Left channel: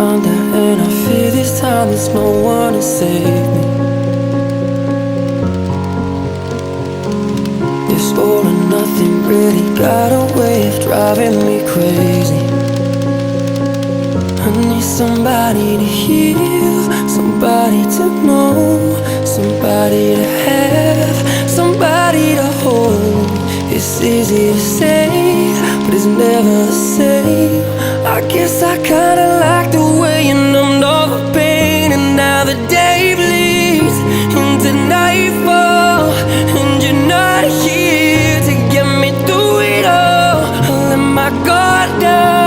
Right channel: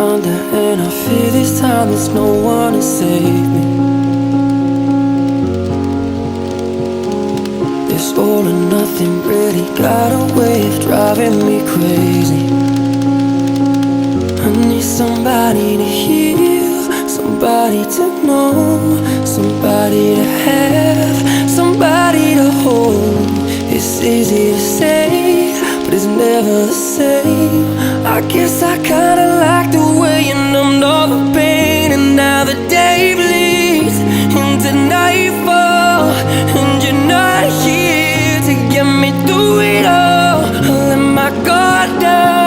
under, and I fear this time there's no one to save me. This all or nothing really got a way of driving me crazy. I need somebody to heal, somebody to know, somebody to have, somebody to hold. It's easy to say, but it's never the same. I guess I kinda like the way you numbed all the pain. And now the day bleeds into nightfall, and you're not here to get me through it all. I let my guard down,